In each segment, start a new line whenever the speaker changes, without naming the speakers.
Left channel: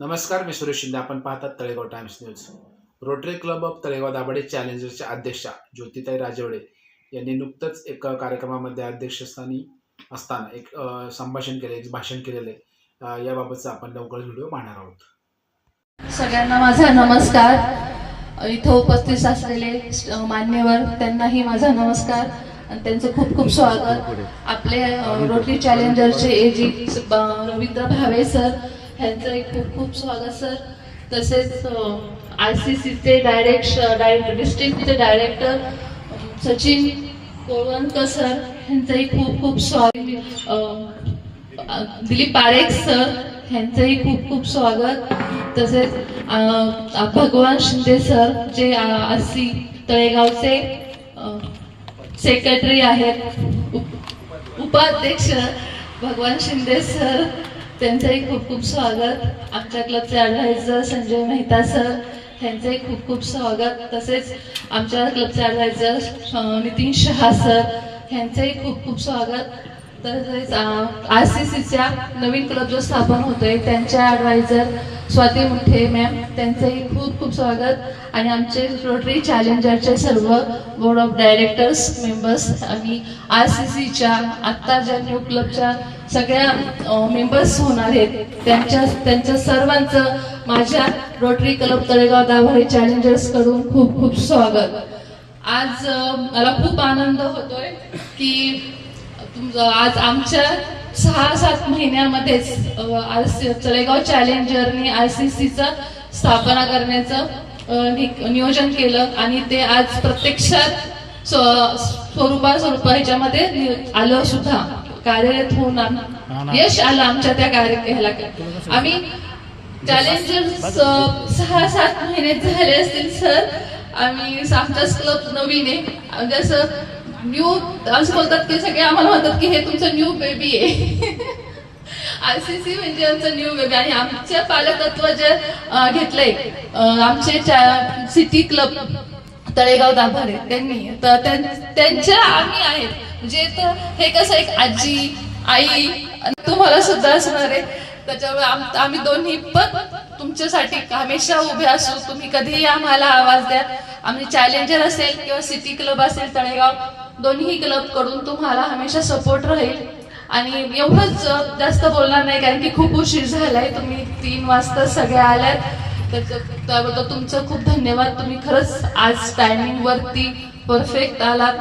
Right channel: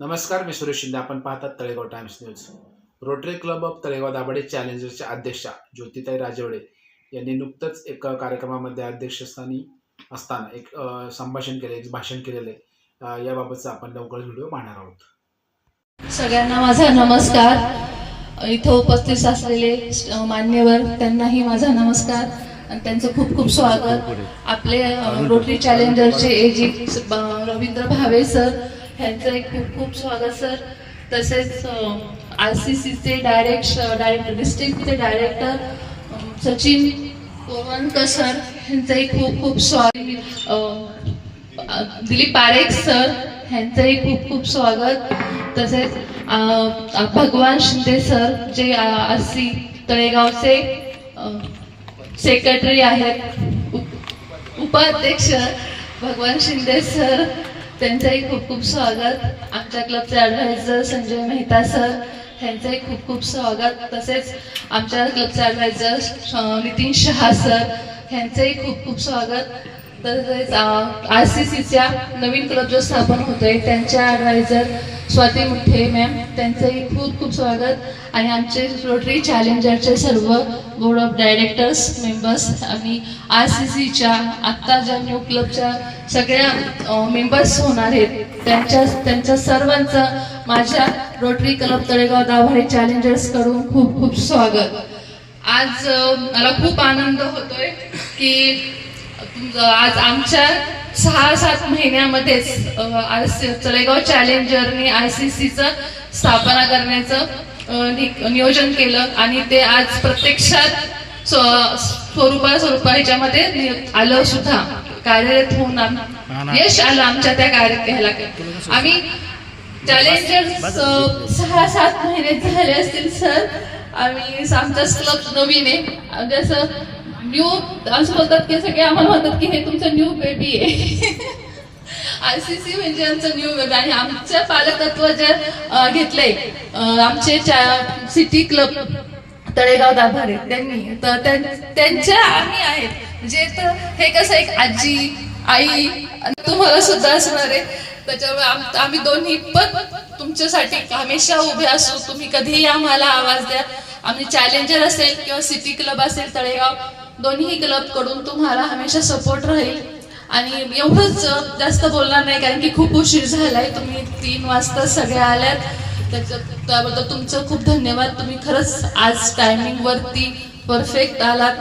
नमस्कार मी सुरेश शिंदे. आपण पाहतात Talegaon Times News. Rotary Club of Talegaon Dabhade चॅलेंजरच्या अध्यक्षा ज्योतिताई राजवडे यांनी नुकतंच एका कार्यक्रमामध्ये अध्यक्षस्थानी असताना एक संभाषण केले एक भाषण केलेलं. आहे याबाबतचा आपण लवकर व्हिडिओ पाहणार आहोत.
सगळ्यांना माझा नमस्कार. इथं उपस्थित असलेले मान्यवर त्यांनाही माझा नमस्कार आणि त्यांचं खूप खूप स्वागत. आपले रोटरी चॅलेंजरचे एजी रवींद्र भावे सर ह्यांचं एक खूप खूप स्वागत सर. तसेच आर सी सीचे डायरेक्ट डिस्ट्रिक्टचे डायरेक्टर सचिन गोवनकर सर ह्यांचंही खूप खूप स्वागत दिलीप पारेख सर ह्यांचंही खूप खूप स्वागत. तसेच भगवान शिंदे सर जे आर सी तळेगावचे सेक्रेटरी आहेत. उप- उपाध्यक्ष भगवान शिंदे सर त्यांचंही खूप खूप स्वागत. आमच्या क्लबचे ॲडवायझर संजय मेहता सर त्यांचंही खूप खूप स्वागत. तसेच आमच्या क्लबचे ॲडवायझर नितीन शहा सर यांचंही खूप खूप स्वागत. तसेच आर सी सीच्या नवीन क्लब जो स्थापन होतोय त्यांच्या ॲडवायझर स्वाती मुठे मॅम त्यांचंही खूप खूप स्वागत. आणि आमचे रोटरी चॅलेंजरचे सर्व बोर्ड ऑफ डायरेक्टर्स मेंबर्स आणि आर सी सीच्या आत्ता ज्या न्यू क्लबच्या सगळ्या मेंबर्स होणार आहेत त्यांच्या त्यांच्या सर्वांचं माझ्या रोटरी क्लब तळेगाव दाभाडे चॅलेंजर्सकडून खूप खूप स्वागत. आज मला खूप आनंद होतोय की आज आमच्या सहा सात महिन्यामध्येच तळेगाव चॅलेंजरने आय सी सीचं स्थापना करण्याचं नियोजन केलं आणि ते आज प्रत्यक्षात स्व- स्वरूपा स्वरूपा ह्याच्यामध्ये आलं सुद्धा. कार्यरत होऊन यश आलं आमच्या त्या कार्य आम्ही चॅलेंजर सहा सात महिने झाले असतील सर. आम्ही आमचाच क्लब नवीन आहे. जसं न्यू असं बोलतात की सगळे आम्हाला म्हणतात की हे तुमचं न्यू बेबी आहे. आय सी सी म्हणजे आमचं न्यू बेबी आणि आमचं पालकत्व जे घेतलंय. आमचे सिटी क्लब तळेगाव गाभारे. त्यांनी तर त्यांच्या आम्ही आहेत. म्हणजे तर हे कसं एक आजी आई तुम्हाला सुद्धा असणार आहे. त्याच्यामुळे आम्ही दोन्ही पण तुमच्यासाठी हमेशा उभे असू. तुम्ही कधीही आम्हाला आवाज द्या. आम्ही चॅलेंजर असेल किंवा सिटी क्लब असेल तळेगाव दोन्ही क्लबकडून तुम्हाला हमेशा सपोर्ट राहील. आणि एवढंच जास्त बोलणार नाही कारण की खूप उशीर झालाय. तुम्ही तीन वाजता सगळ्या आल्यात. त्याच्या- त्याबद्दल तुमचं खूप धन्यवाद. तुम्ही खरंच आज टायमिंग वरती परफेक्ट आलात.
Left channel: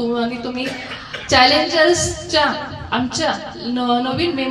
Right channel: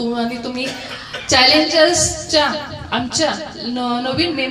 आणि तुम्ही चॅलेंजर्सच्या आमच्या न- नवीन मेंबर